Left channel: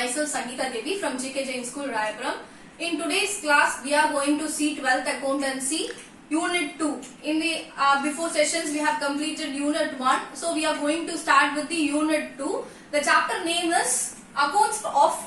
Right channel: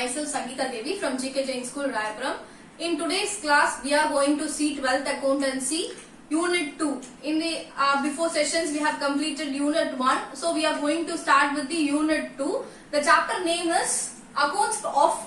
myself Sangeeta Devi from GK Jain School, Rayapuram. In today's class, we are going to see 12th Accountancy Unit 2. In the before sessions, we have completed Unit 1. So we are going to start with the Unit 2. The chapter name is Accounts of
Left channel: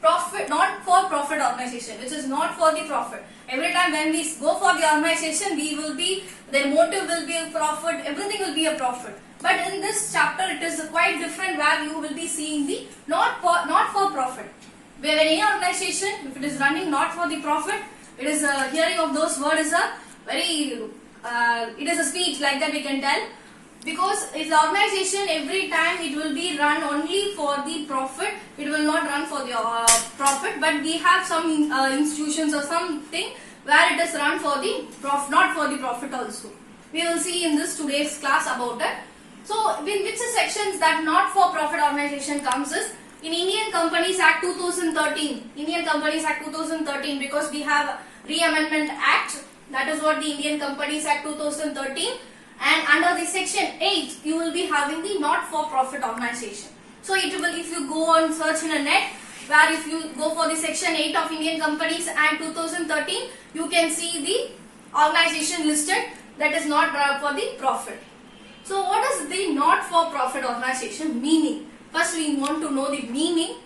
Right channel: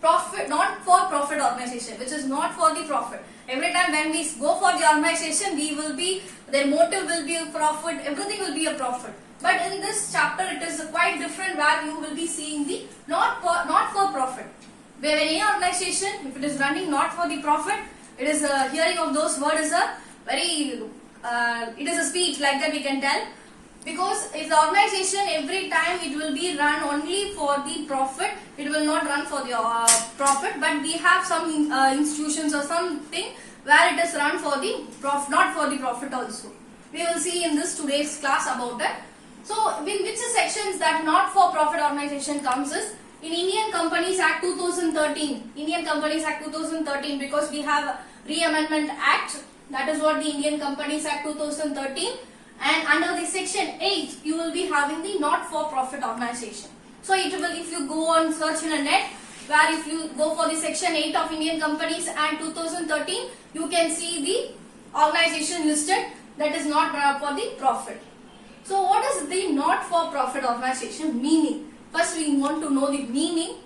Profit, not for profit organization, which is not for the profit. Every time when we go for the organization, their motive will be a profit, everything will be a profit. But in this chapter, it is quite different, where you will be seeing the not for profit. Where any organization, if it is running not for the profit, it is hearing of those words is a very it is a speech like that we can tell. Because if the organization every time it will be run only for the profit, it will not run for the profit. But we have some institutions or something where it is run for the profit, not for the profit also. We will see in this today's class about that. So, in which sections that not for profit organization comes is in Indian Companies Act 2013. Indian Companies Act 2013, because we have Re-Amendment Act. That is what the Indian Companies Act 2013. And under the section 8, you will be having the not-for-profit organization. So it will, if you go on search in a net, where if you go for the section 8 of Indian Companies Act 2013, you can see the organization listed that is not for the profit. So what is the not-for-profit organization meaning? First we want to know the meaning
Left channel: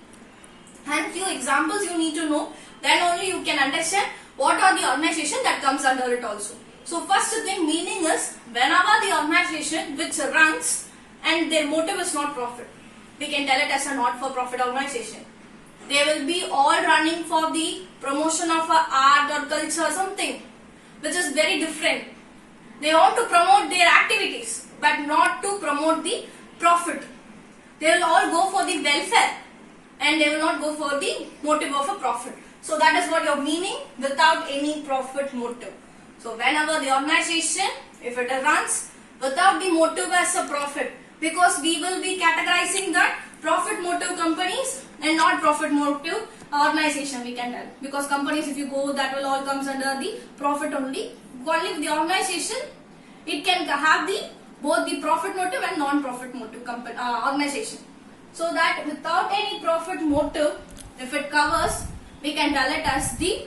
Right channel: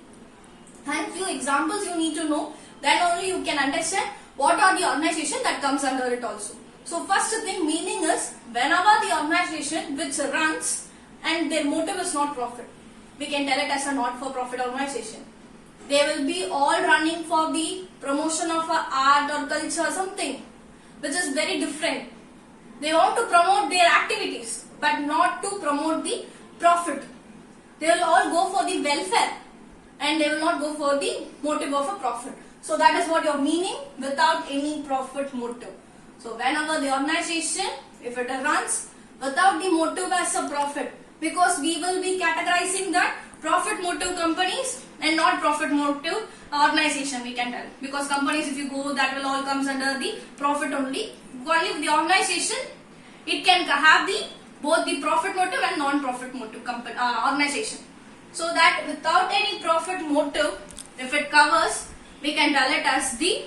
and few examples you need to know. Then only you can understand what are the organization that comes under it also. So first thing, meaning is whenever the organization which runs and their motive is not profit, we can tell it as a not-for-profit organization. They will be all running for the promotion of art or culture or something which is very different. They want to promote their activities but not to promote the profit. They will all go for the welfare and they will not go for the motive of a profit. So that is what your meaning, without any profit motive. So whenever the organization, if it runs without the motive as a profit, because we will be categorizing that profit motive companies and not profit motive organization, we can tell. Because companies, if you go, that will all comes under the profit only. Only with the organization, it can have both the profit motive and non-profit motive company, organization. So that without any profit motive, if it covers, we can tell it as the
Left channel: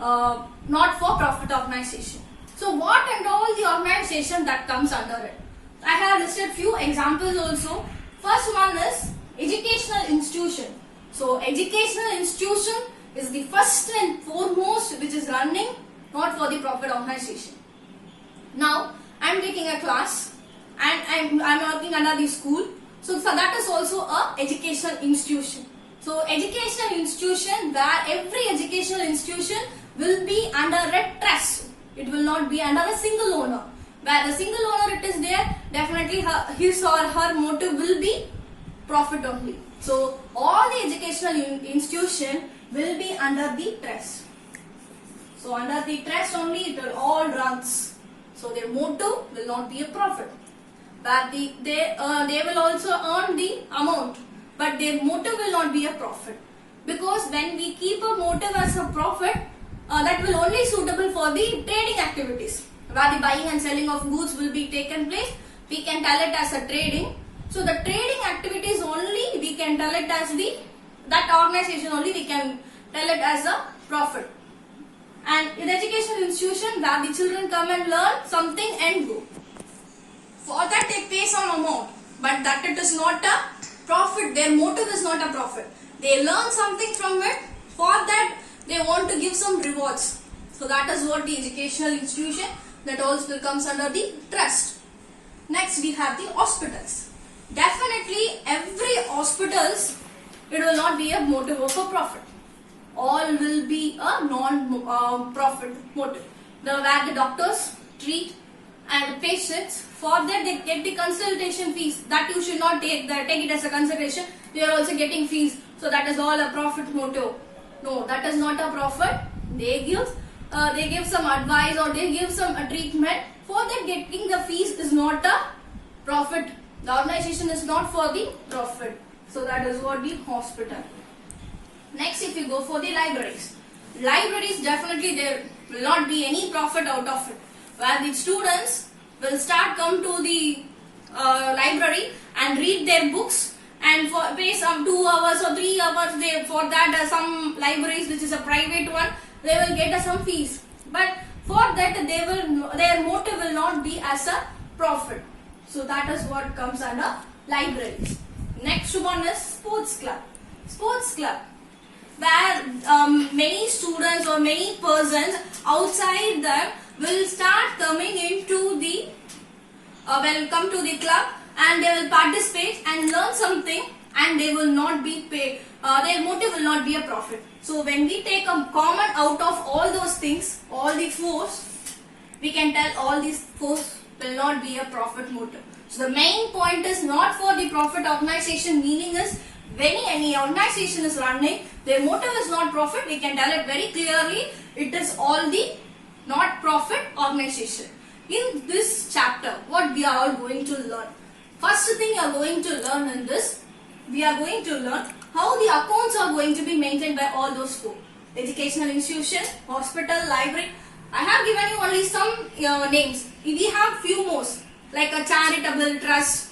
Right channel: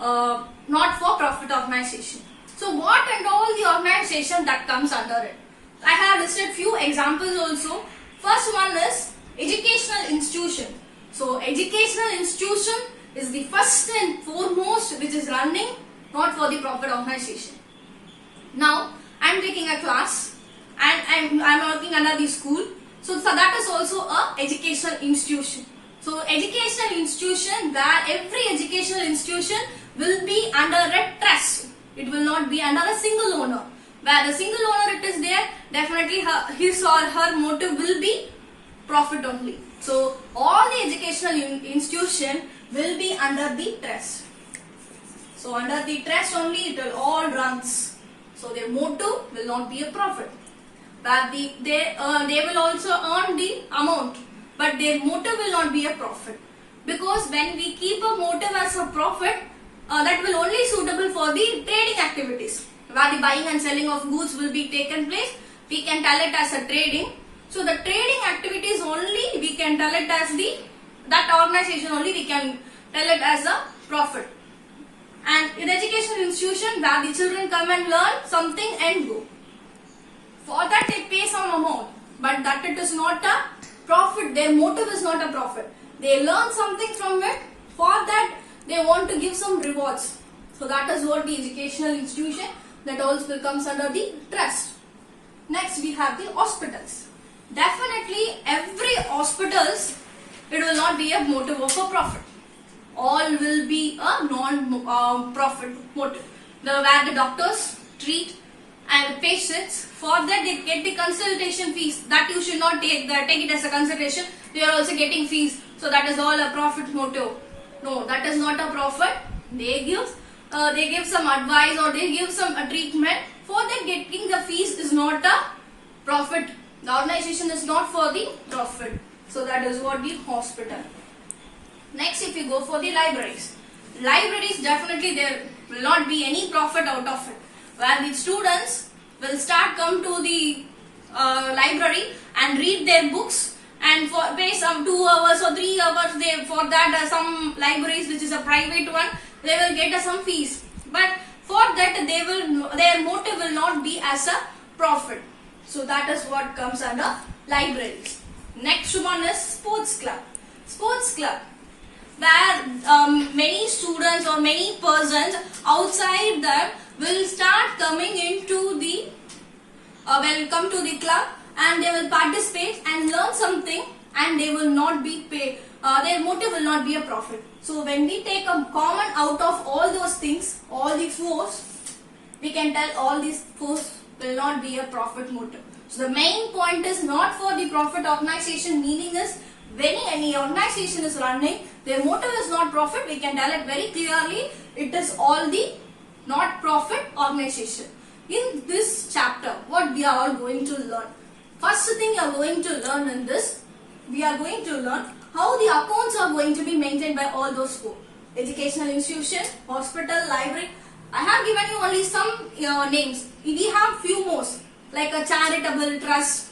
not-for-profit organization. So what and all the organization that comes under it? I have listed few examples also. First one is educational institution. So educational institution is the first and foremost which is running not for the profit organization. Now I am taking a class and I am working under the school. So that is also a educational institution. So educational institution, where every educational institution will be under a trust. It will not be under a single owner. Where the single owner it is there, definitely his or her motive will be profit only. So all the educational institution will be under the trust. So under the trust only it will all runs. So their motive will not be a profit. But they will also earn the amount, but their motive will not be a profit. Because when we keep a motive as a profit, that will only suitable for the trading activities, where the buying and selling of goods will be taken place. We can tell it as a trading. So the trading activities only we can tell it as that organization only we can tell it as a profit. And in educational institution, where the children come and learn something and go. For that they pay some amount, but that it is not a profit. Their motive is not a profit. They learn something from it. For that they want to give some rewards. So that is what the educational institution, that also comes under the trust. Next we have the hospitals. Definitely every hospitals, it will not be a motive of a profit. All will be a non-profit motive. Where the doctors treat and the patients, for that they get the consultation fees. That you should not take it as a consideration. They are also getting fees. So that is all a profit motive. No, that is not a profit. They give some advice or they give some treatment. For that getting the fees is not a profit. The organization is not for the profit. So that is what the hospital. Next, if you go for the libraries. Libraries, definitely there will not be any profit out of it. Where the students will come to the library and read their books and for pay some 2 hours or 3 hours. They for that some libraries which is a private one, they will get some fees. But for that their motive will not be as a profit. So that is what comes under libraries. Next one is sports club. Sports club, where many students or many persons outside that will start coming into the will come to the club and they will participate and learn something, and they will not be paid. Their motive will not be a profit. So when we take a common out of all those things, all the fours, we can tell all these fours will not be a profit motive. So the main point is not for the profit organization, meaning is when any organization is running, their motive is not profit. We can tell it very clearly. It is all the not profit organization. In this chapter, what we are all going to learn? First thing you are going to learn in this, we are going to learn how the accounts are going to be maintained by all those four. Educational institution, hospital, library. I have given you only some names. We have few more like a charitable trust,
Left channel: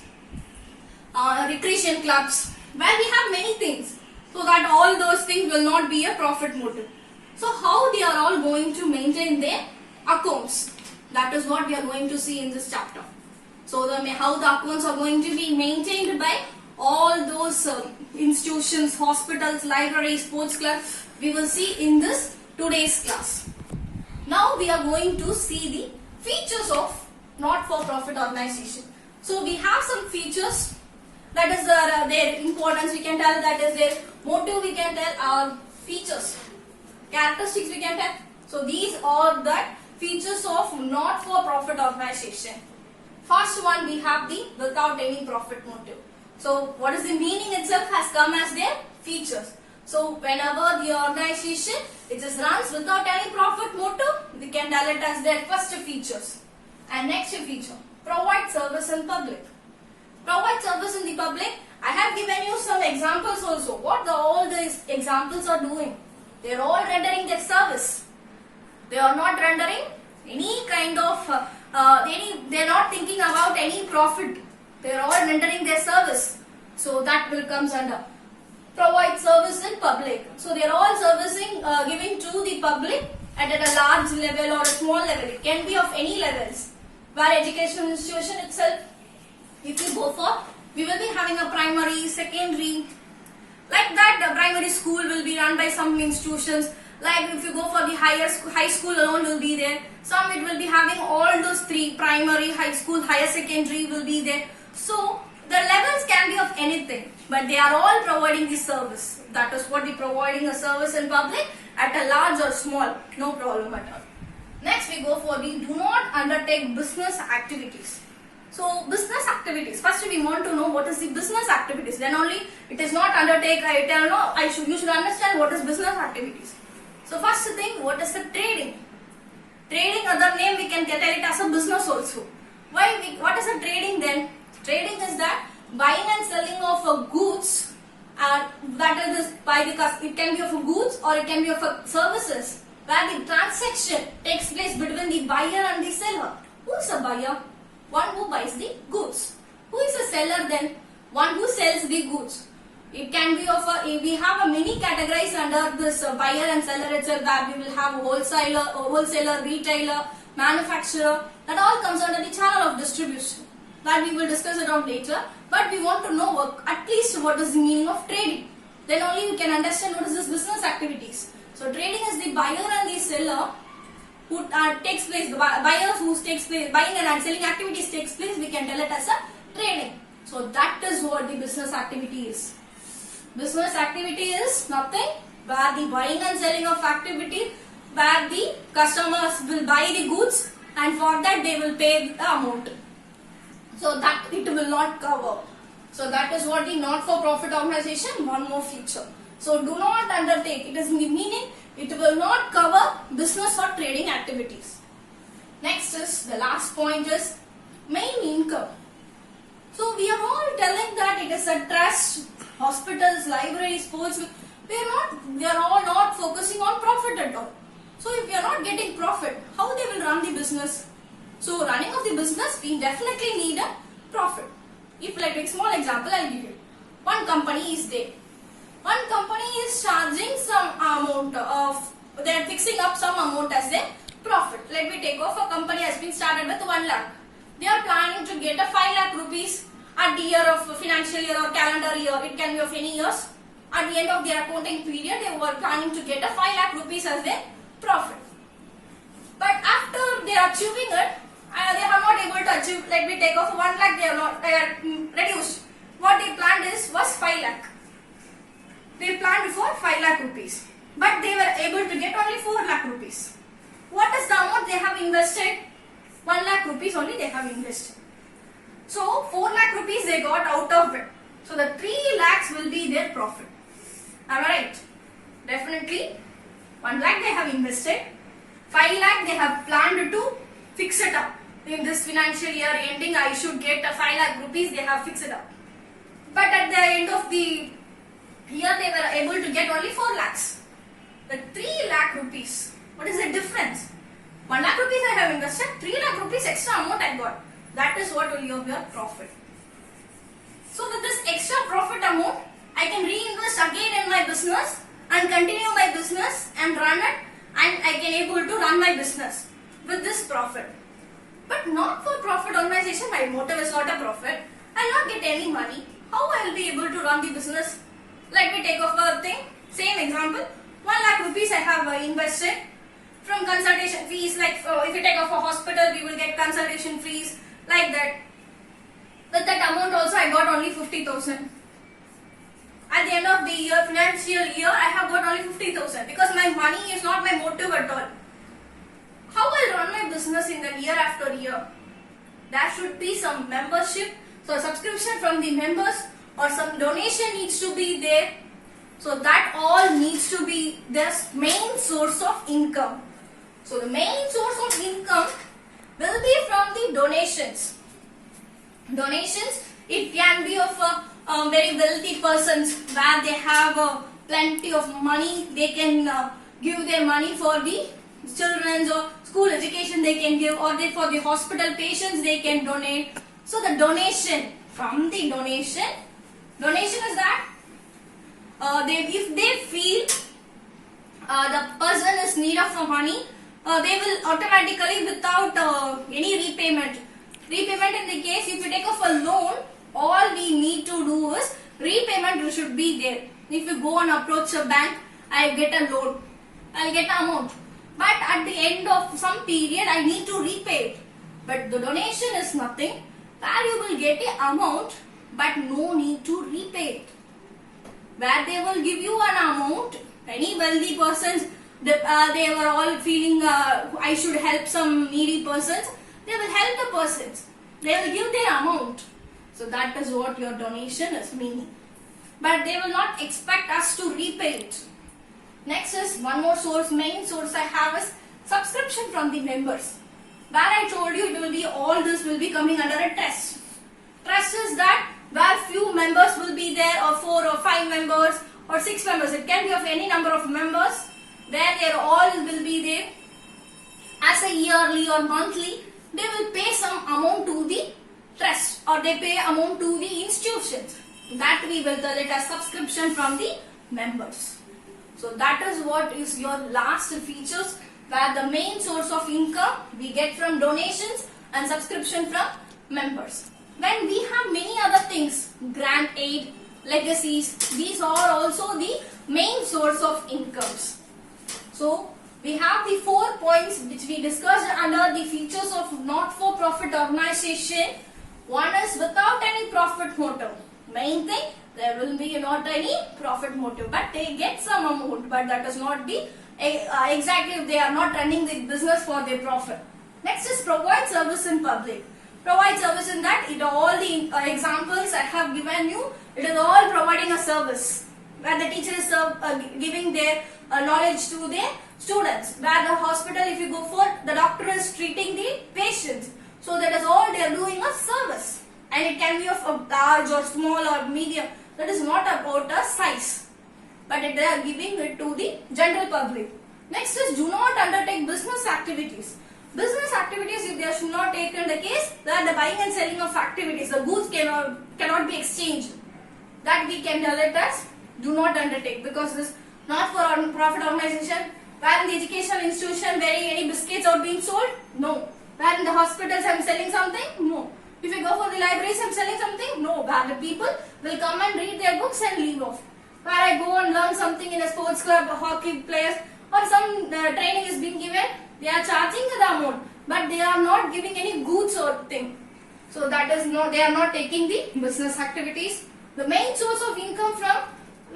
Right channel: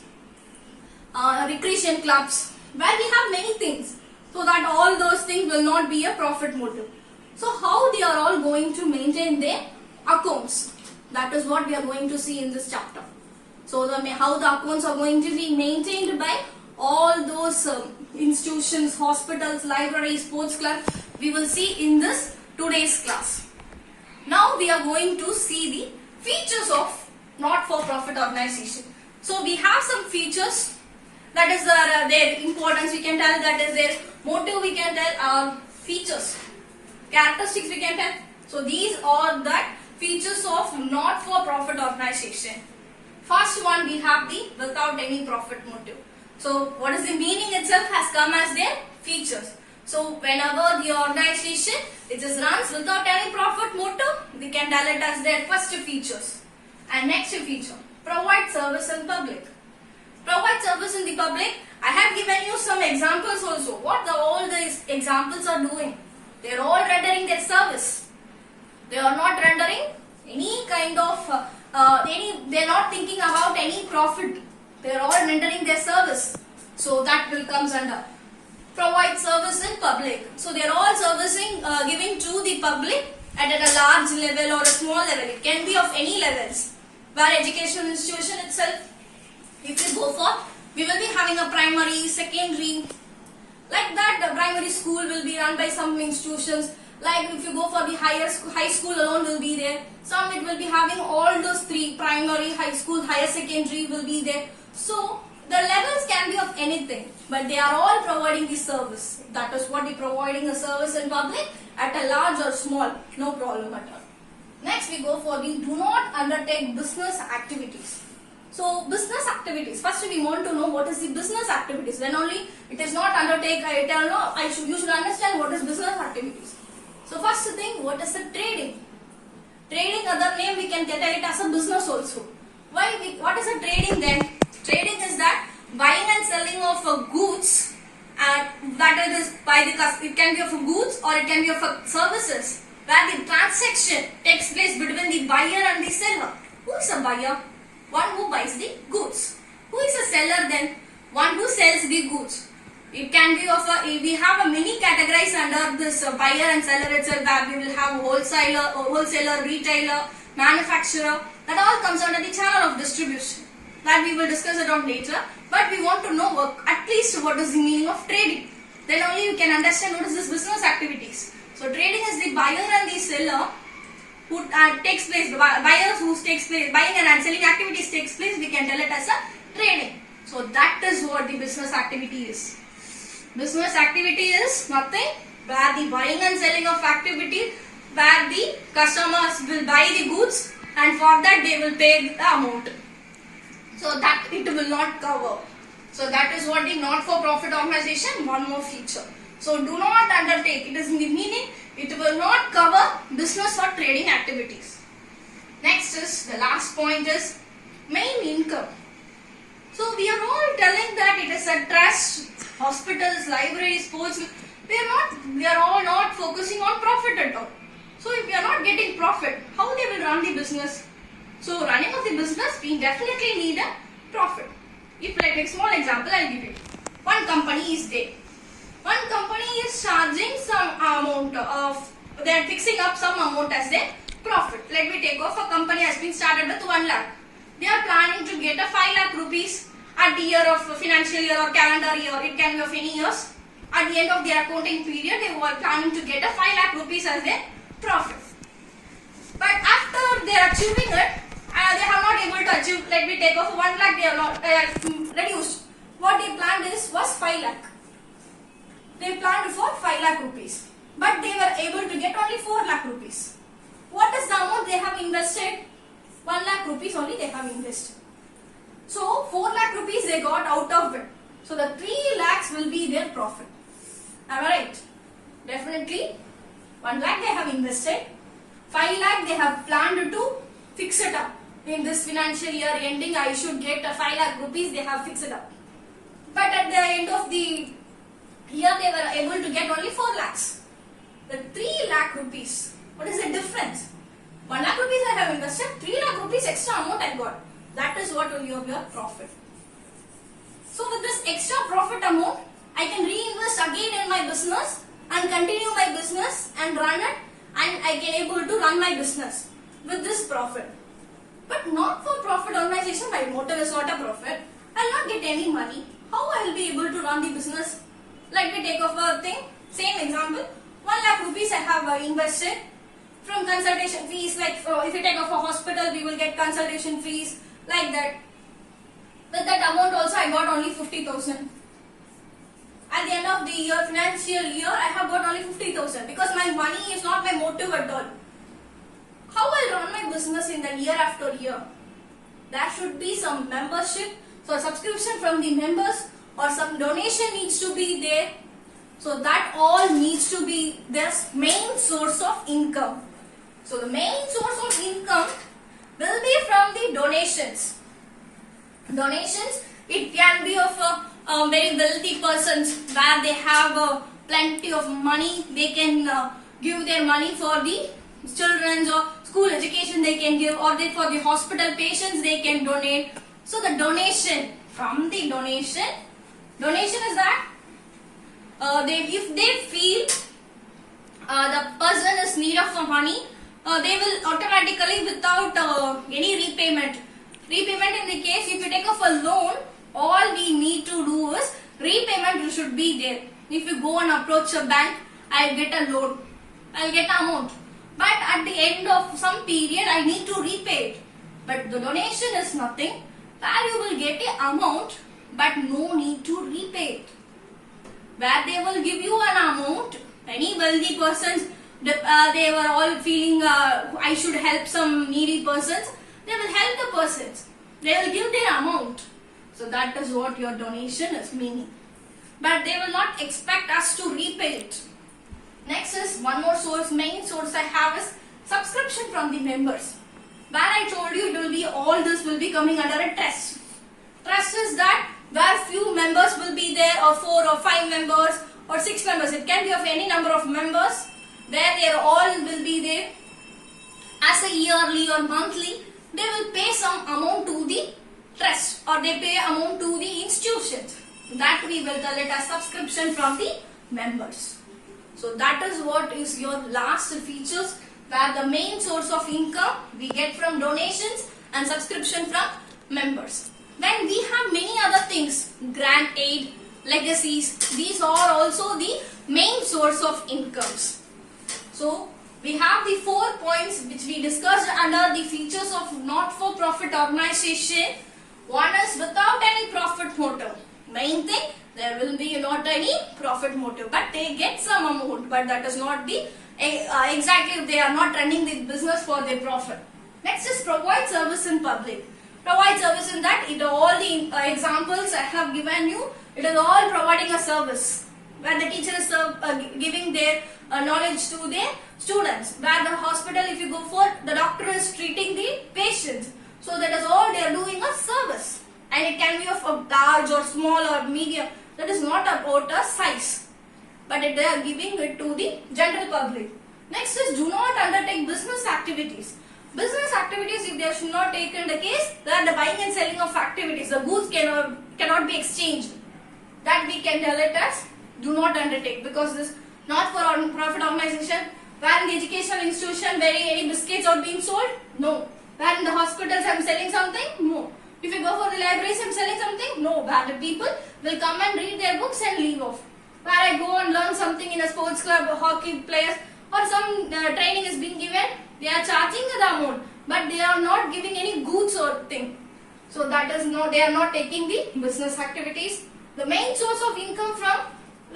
recreation clubs, where we have many things. So that all those things will not be a profit motive. So how they are all going to maintain their accounts? That is what we are going to see in this chapter. So how the accounts are going to be maintained by all those institutions, hospitals, libraries, sports clubs, we will see in this today's class. Now we are going to see the features of not-for-profit organization. So we have some features. That is their importance, we can tell. That is their motive, we can tell. Features, characteristics, we can tell. So these are the features of not-for-profit organization. First one, we have the without any profit motive. So what is the meaning itself has come as their features. So whenever the organization it just runs without any profit motive, we can tell it as their first features. And next feature, provide service in public. Provide service in the public. I have given you some examples also. What all these examples are doing? They are all rendering their service. They are not rendering any kind of, they are not thinking about any profit. They are all rendering their service. So that will comes under provide service in public. So they are all servicing, giving to the public at a large level or a small level. It can be of any levels. Where educational institution itself, if you go for, we will be having a primary, secondary, like that. The primary school will be run by some institutions. Like if you go for the high school alone will be there. Some it will be having all those three, primary, high school, higher secondary will be there. So the levels can be of anything, but they are all providing the service. That is what we providing a service in public at a large or small, no problem at all. Next we go for the do not undertake business activities. So business activities, first we want to know what is the business activities. Then only it is not undertake, you should understand what is business activities. So first thing, what is the trading? Trading, other name we can tell it as a business also. What is a trading then? Trading is that buying and selling of goods, and that is by the it can be of goods or it can be of services, where the transaction takes place between the buyer and the seller. Who is a buyer? One who buys the goods. Who is a seller then? One who sells the goods. It can be of we have a many categories under this buyer and seller itself, that we will have wholesaler, retailer, manufacturer. That all comes under the channel of distribution. That we will discuss it on later. But we want to know at least what is the meaning of trading. Then only you can understand what is this business activities. So trading is the buyer and the seller who takes place, buyers who takes place, buying and selling activities takes place, we can tell it as a trading. So that is what the business activity is. Business activity is nothing where the buying and selling of activity, where the customers will buy the goods and for that they will pay the amount. So that it will not cover. So that is what the not-for-profit organization, one more feature. So do not undertake, it is in the meaning, it will not cover business or trading activities. Next is, the last point is main income. So we are all telling that it is a trust, hospitals, libraries, sports. We are all not focusing on profit at all. So if we are not getting profit, how they will run the business? So running of the business, we definitely need a profit. If I take small example, I will give you. one company is there. One company is charging some amount of, they are fixing up some amount as a profit. Let me take off, a company has been started with 1 lakh. They are planning to get a 5 lakh rupees at the year of financial year or calendar year. It can be of any years. At the end of their accounting period, they were planning to get a 5 lakh rupees as a profit. But after they are achieving it, they are not able to achieve. Let me take off 1 lakh. They are not reduced. What they planned was 5 lakh. They planned for 5 lakh rupees, but they were able to get only 4 lakh rupees. What is the amount they have invested? 1 lakh rupees only they have invested. So 4 lakh rupees they got out of it. So the 3 lakhs will be their profit. Am I right? Definitely 1 lakh they have invested. 5 lakh they have planned to fix it up. In this financial year ending, I should get a 5 lakh rupees. They have fixed it up. But at the end of the year, they were able to get only 4 lakhs. The 3 lakh rupees. What is the difference? 1 lakh rupees I have invested. 3 lakh rupees extra amount I got. That is what will be your profit. So with this extra profit amount, I can reinvest again in my business and continue my business and run it, and I can able to run my business with this profit. But not for profit organization, my motive is not a profit. I will not get any money. How I will be able to run the business? Let me take off a thing. Same example. 1 lakh rupees I have invested from consultation fees. Like if you take off a hospital, we will get consultation fees like that. With that amount also I got only 50,000. At the end of the year, financial year, I have got only 50,000 because my money is not my motive at all. How I run my business in the year after year? There should be some membership, so subscription from the members or some donation needs to be there. So that all needs to be their main source of income. So the main source of income will be from the donations. Donations, it can be of very wealthy persons where they have plenty of money. They can give their money for the children's or school education they can give, or they, for the hospital patients they can donate. So the donation, from the donation is that if they feel the person is need of money, they will automatically without any repayment in the case if you take off a loan, all we need to do is repayment should be there. If you go and approach a bank, I get a loan, I'll get an amount, but at the end of some period I need to repay it. But the donation is nothing, where you will get an amount but no need to repay it. Where they will give you an amount, any wealthy persons, they were all feeling I should help some needy persons, they will help the persons, they will give their amount. So that is what your donation is meaning. But they will not expect us to repay it. Next is one more source, main source I have is subscription from the members. Where I told you it will be, all this will be coming under a trust. Trust is that where few members will be there, or 4 or 5 members or 6 members, it can be of any number of members, where they all will be there as a yearly or monthly, they will pay some amount to the trust or they pay amount to the institutions. That we will tell it as subscription from the members. So that is what is your last features, where the main source of income we get from donations and subscription from members. Then we have many other things, grant aid, legacies, these are also the main source of incomes. So we have the 4 points which we discussed under the features of not-for-profit organization. One is without any profit motive. Main thing, there will be not any profit motive, but they get some amount, but that is not the exactly, they are not running the business for their profit. Next is provide service in public. Provide service in that, all the examples I have given you, it is all providing a service where the teacher is giving their knowledge to their students, where the hospital, if you go for, the doctor is treating the patients. So that is all they are doing a service, and it can be of a large or small or medium. That is not about a size, but they are giving it to the general public. Next is do not undertake business activities. Business activities, if they should not take in the case, that the buying and selling of activities, the goods cannot be exchanged. that we can tell it as do not undertake, because this not for profit organization. Where in the educational institution where any biscuits are being sold? No. Where in the hospitals I'm selling something? No. If you go for the libraries I'm selling something? No. Where the people will come and read their books and leave off. Where I go and learn something in a sports club, hockey players, or some training is being given, they are charging the amount, but they are not giving any goods or thing. So that is no, they are not taking the business activities. The main source of income from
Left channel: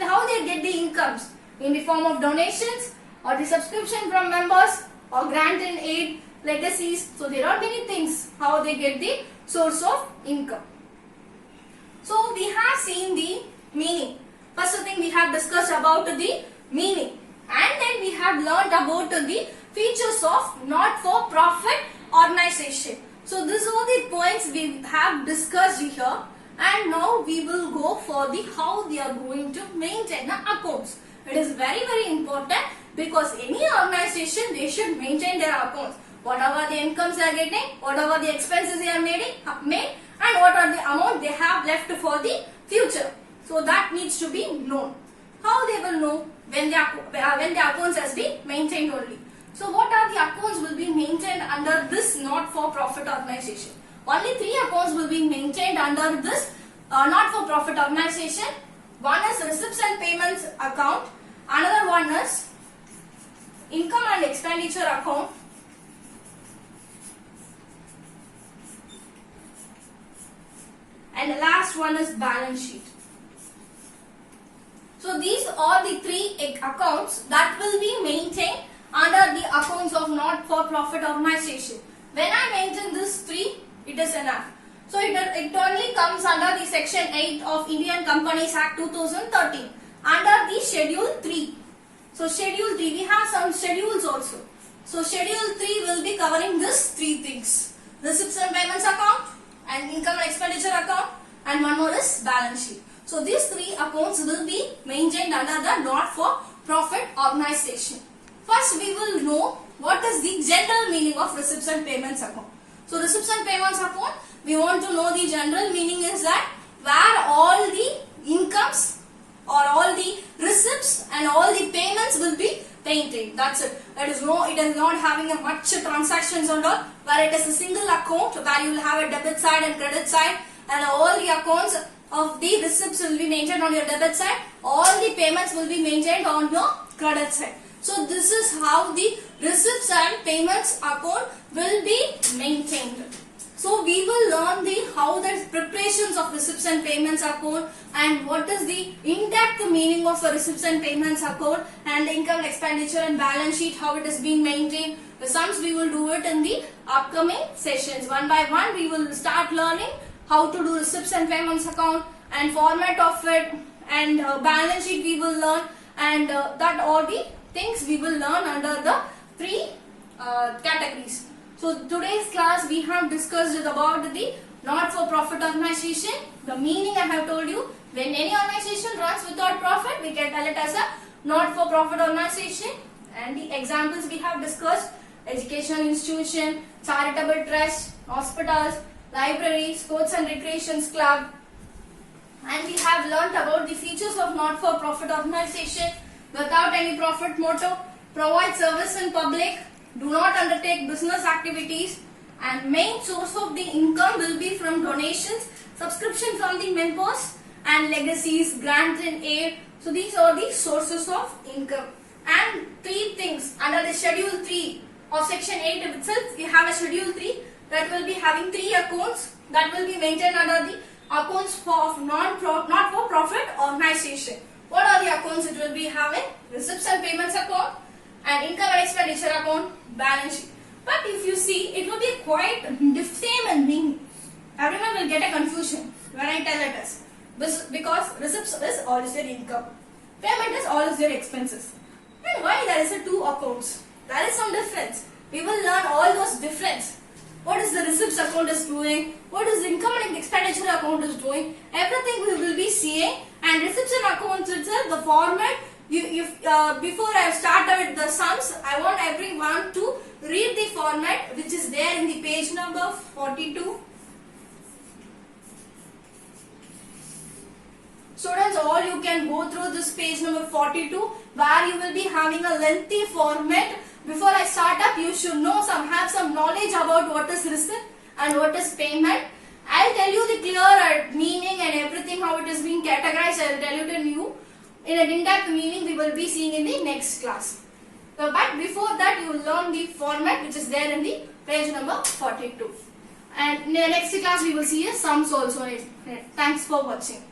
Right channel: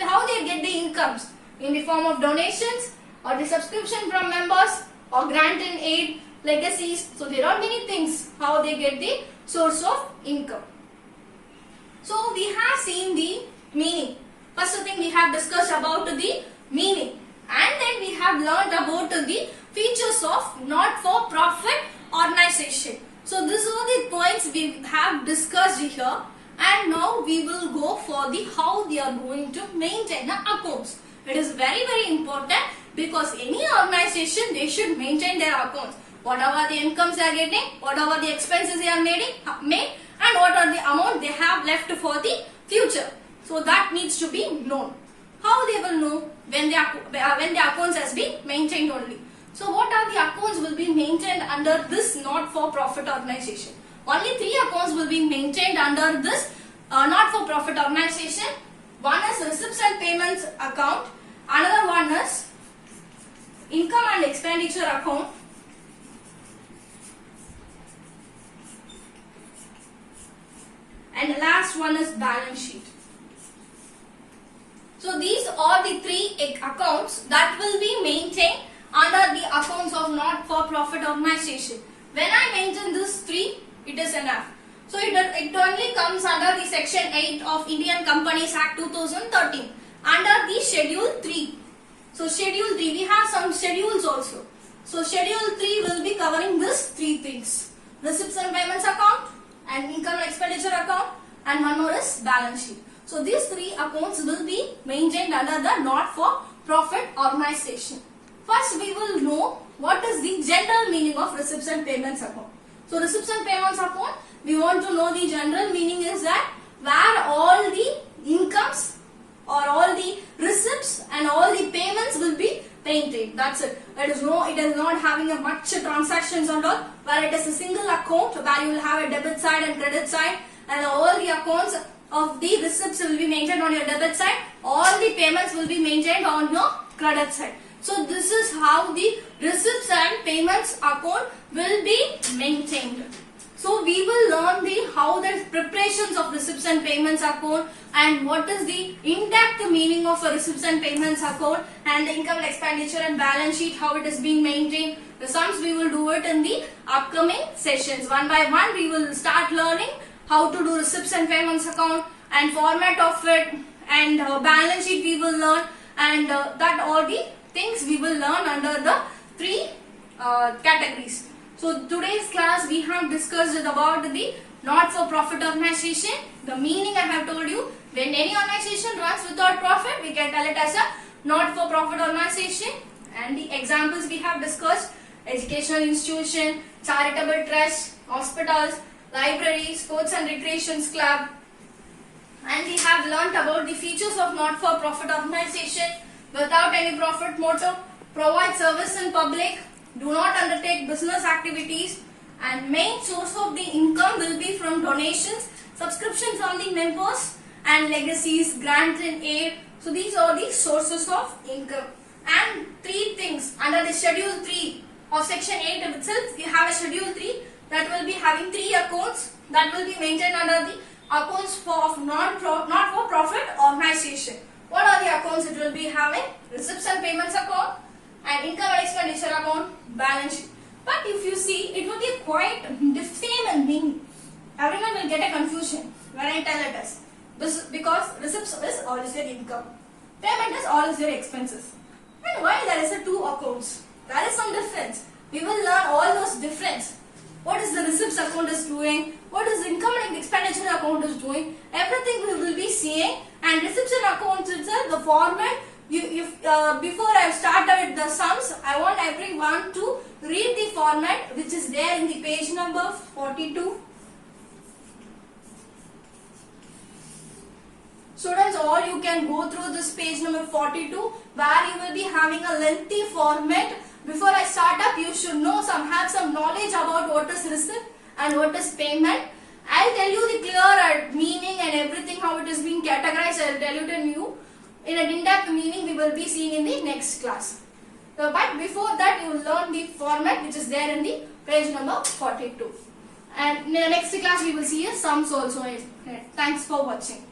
how they get the incomes in the form of donations or the subscription from members or grant and aid, legacies. So there are many things how they get the source of income. So we have seen the meaning. First thing we have discussed about the meaning, and then we have learned about the features of not-for-profit organization. So these are the points we have discussed here, and now we will go for the how they are going to maintain the accounts. It is very important, because any organization they should maintain their accounts. Whatever the incomes they are getting, whatever the expenses they are made, and what are the amount they have left for the future. So that needs to be known. How they will know when the accounts has been maintained only. So what are the accounts will be maintained under this not-for-profit organization? Only 3 accounts will be maintained under this not-for-profit organization. One is receipts and payments account. Another one is income and expenditure account. And the last one is balance sheet. So these are the 3 accounts that will be maintained under the accounts of not-for-profit organization. When I mention these 3, it is enough. So it only comes under the section 8 of Indian Companies Act 2013 under the schedule 3. So schedule 3, we have some schedules also. So schedule 3 will be covering these 3 things: receipts and payments account, and income and expenditure account, and one more is balance sheet. So these 3 accounts will be maintained under the not-for-profit organization. First we will know what is the general meaning of receipts and payments account. So receipts and payments account, we want to know the general meaning is that where all the incomes or all the receipts and all the payments will be maintained. That's it. It is not having a much transactions and all, where it is a single account where you will have a debit side and credit side, and all the accounts of the receipts will be maintained on your debit side, all the payments will be maintained on your credit side. So this is how the receipts and payments account will be maintained. So we will learn how the preparations of receipts and payments account, and what is the in-depth meaning of a receipts and payments account, and the income and expenditure and balance sheet, how it is being maintained. The sums we will do it in the upcoming sessions. One by one we will start learning how to do receipts and payments account and format of it, and balance sheet we will learn, and that all the things we will learn under the 3 categories. So today's class we have discussed about the not-for-profit organization. The meaning I have told you, when any organization runs without profit, we can tell it as a not-for-profit organization. And the examples we have discussed: educational institution, charitable trust, hospitals, libraries, sports and recreations club. And we have learnt about the features of not-for-profit organization: without any profit motive, provide service in public, do not undertake business activities, and main source of the income will be from donations, subscription from the members, and legacies, grant and aid. So these are the sources of income. And 3 things under the schedule 3 of section 8 itself, we have a schedule 3 that will be having 3 accounts that will be maintained under the accounts of not-for-profit organization. What are the accounts? It will be having receipts and payments account, and income and expenditure account, balance sheet. But if you see, it will be quite the same and meaning. Everyone will get a confusion when I tell it as, because receipts is all is your income, payment is all is your expenses. And why there is a 2 accounts? There is some difference. We will learn all those difference. What is the receipts account is doing? What is the income and expenditure account is doing? Everything we will be seeing. And receipts and accounts itself, the format. Before I start with the sums, I want everyone to read the format which is there in the page number 42. Students, all you can go through this page number 42 where you will be having a lengthy format. Before I start up, you should have some knowledge about what is receipt and what is payment. I'll tell you the clear meaning and everything, how it is being categorized. I'll tell you in a in-depth meaning we will be seeing in the next class. So, but before that you will learn the format which is there in the page number 42. And in the next class we will see sums also. Thanks for watching.